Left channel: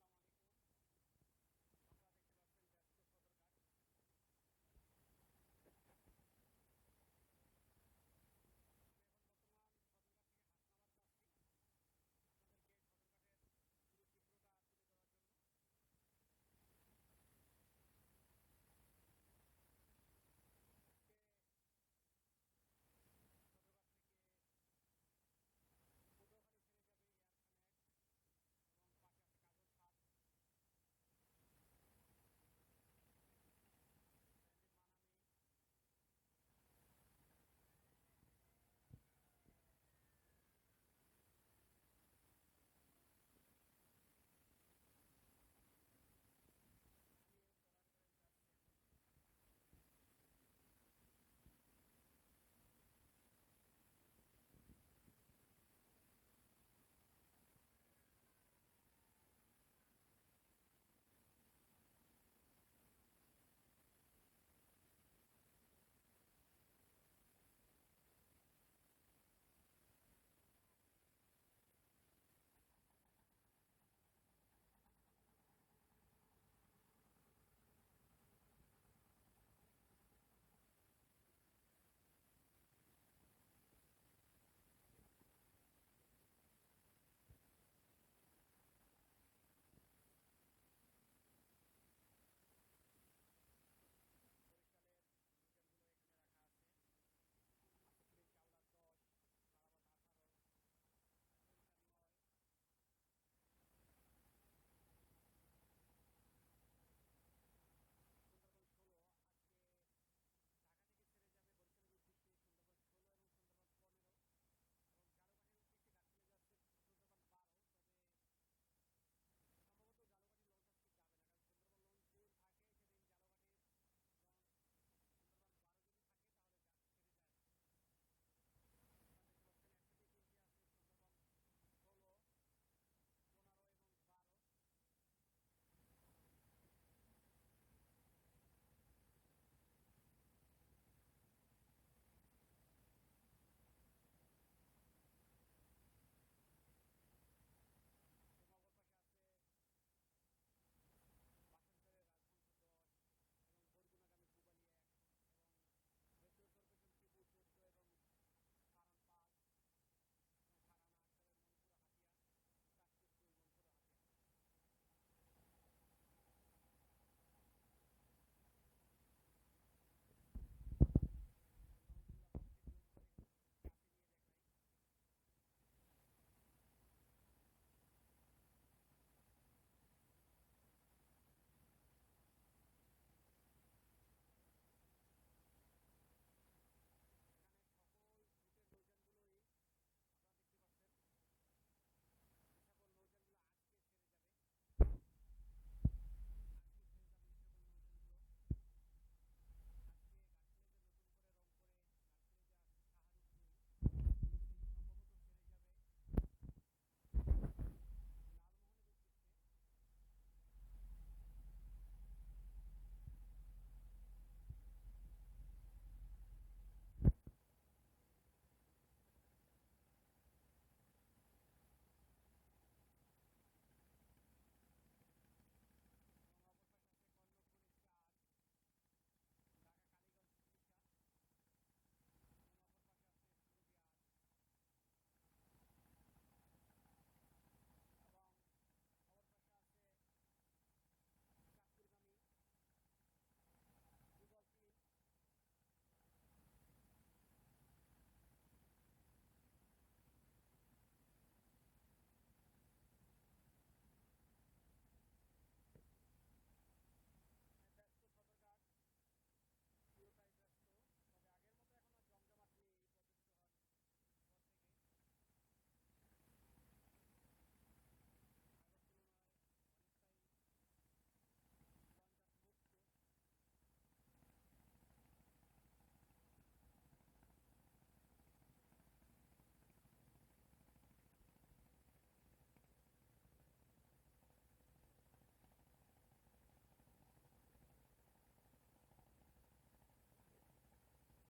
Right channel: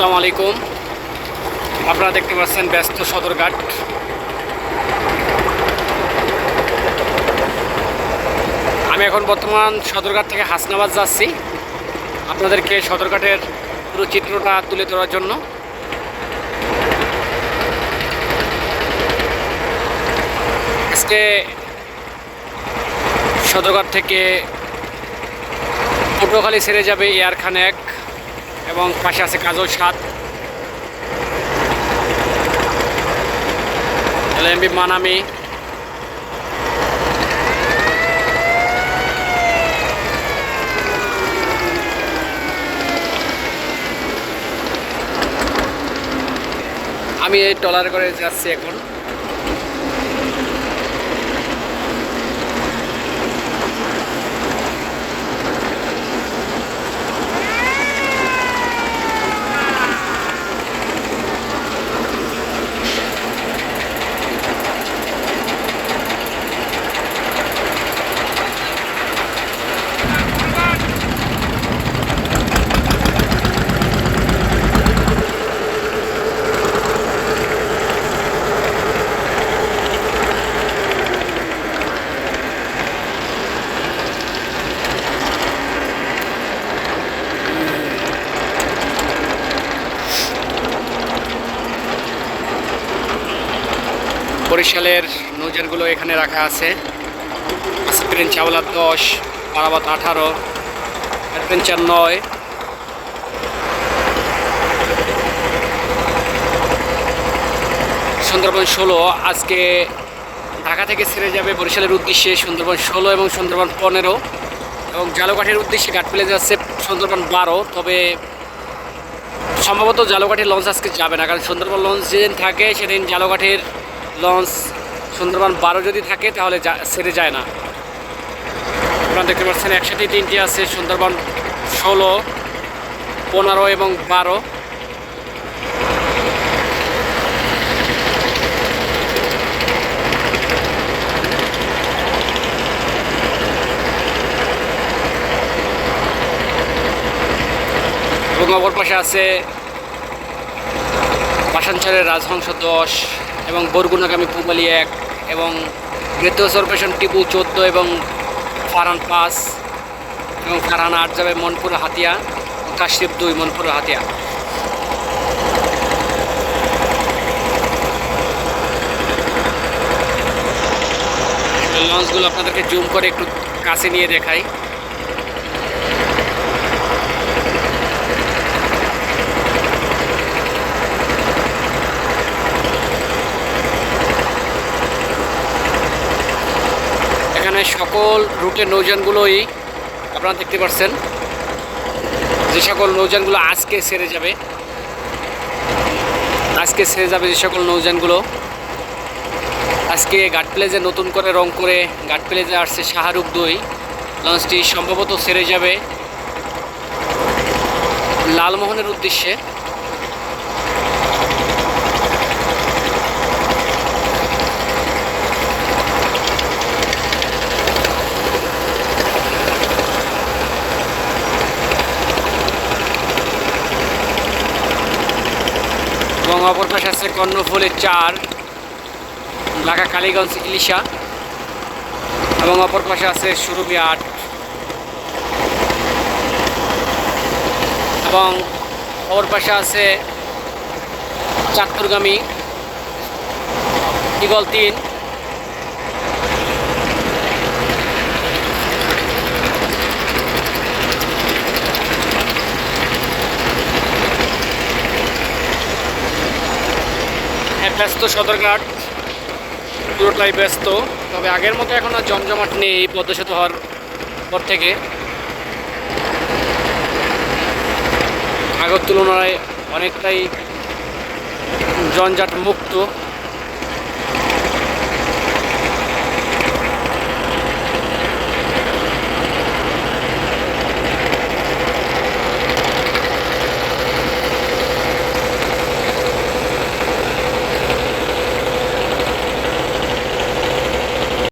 আসসালামু আলাইকুম। আপনারা দেখতে পাচ্ছেন ব্যস্ত সদরঘাট। আমি এখন বর্তমান সদরঘাট থেকে হাসনাবাদ যাচ্ছি। আপনাদেরকে সদরঘাটের পুরো চিত্রটা তুলে ধরার জন্য। আজকে সদরঘাট থেকে পটুয়াখালী ছেড়ে যাবে এয়ার খানেক এবং পাশে আছে কাজল সাত এলএমবি মানামি। আমি এই ট্রলার করে যাচ্ছি এখন। বরিশালের নৌজানগুলো এখানে রাখা আছে। স্প্রিন চাওলা দশ, পারাবাত আঠারো অ্যাডভেঞ্চার নয়। সুন্দরবন ষোলো, আজকে ঢাকা থেকে ছেড়ে যাবে বরিশালের উদ্দেশ্যে সুন্দরবন ষোলো এবং সুন্দরবন পনেরো। এবং জালুঘাটের উদ্দেশ্যে ঘাট ফেলে যাচ্ছে সুন্দরবন বারো, তবে সম্ভবত জালুঘাটের লঞ্চ আজকে যাবে না, কারণ সুন্দরবন লঞ্চ যেদিন থাকে, সেদিন জালুঘাটের লঞ্চ সুন্দরবন বারো যদি থাকে, তাহলে ছেড়ে যায় না। আপনারা দেখতে পাচ্ছেন একসাথে তিনটি আছে, সুন্দরবন ষোলো, পনেরো এবং বারো। এবং অপর পাশে আছে পাশাঞ্চলের রাজহংস দশ। এবং বরগুনাগামী পুবালি এক এবং গ্রেতোস অপারেশন টিপু চোদ্দ এবং ফারান পাঁচ এবং ফারহান আট যাবে মনপুর হাতিয়া কাশিপ দুই মনপুর হাতিয়া। লঞ্চগুলো আপনাদেরকে জুম করে একটু কাছে নিয়ে দেখাই। এখানে সকল রুটের নৌযানগুলোই আপনারা দেখতে পাচ্ছেন যে সকল নৌযানগুলো আজকে সেরে যাবে, আজকে সেরে যাবে যে সকল নৌযানগুলো। আজকে ঘাট প্লেজে নতুন করে রং করে ঘাট প্লেজে আসছে শাহরুখ দুই। লঞ্চটি সম্ভবত সেরে যাবে লালমোহনের উদ্দেশ্যে। অপর পাশে আছে কর্ণফুলের চার, ঢাকা, কালীগঞ্জ, ইলিশা এবং অপর পাশে আছে সুরভি আট। এবং অপর পাশে আছে চাকুরগামী ইগল তিন। ব্যস্ত সদরঘাট। পুরোটাই ব্যস্ত। তবে আগের মতো এখন আর জমজমাট নেই এই পদ্মা সেতু হওয়ার পর থেকে। আগের তুলনায় অনেকটাই জঞ্জাট মুক্ত।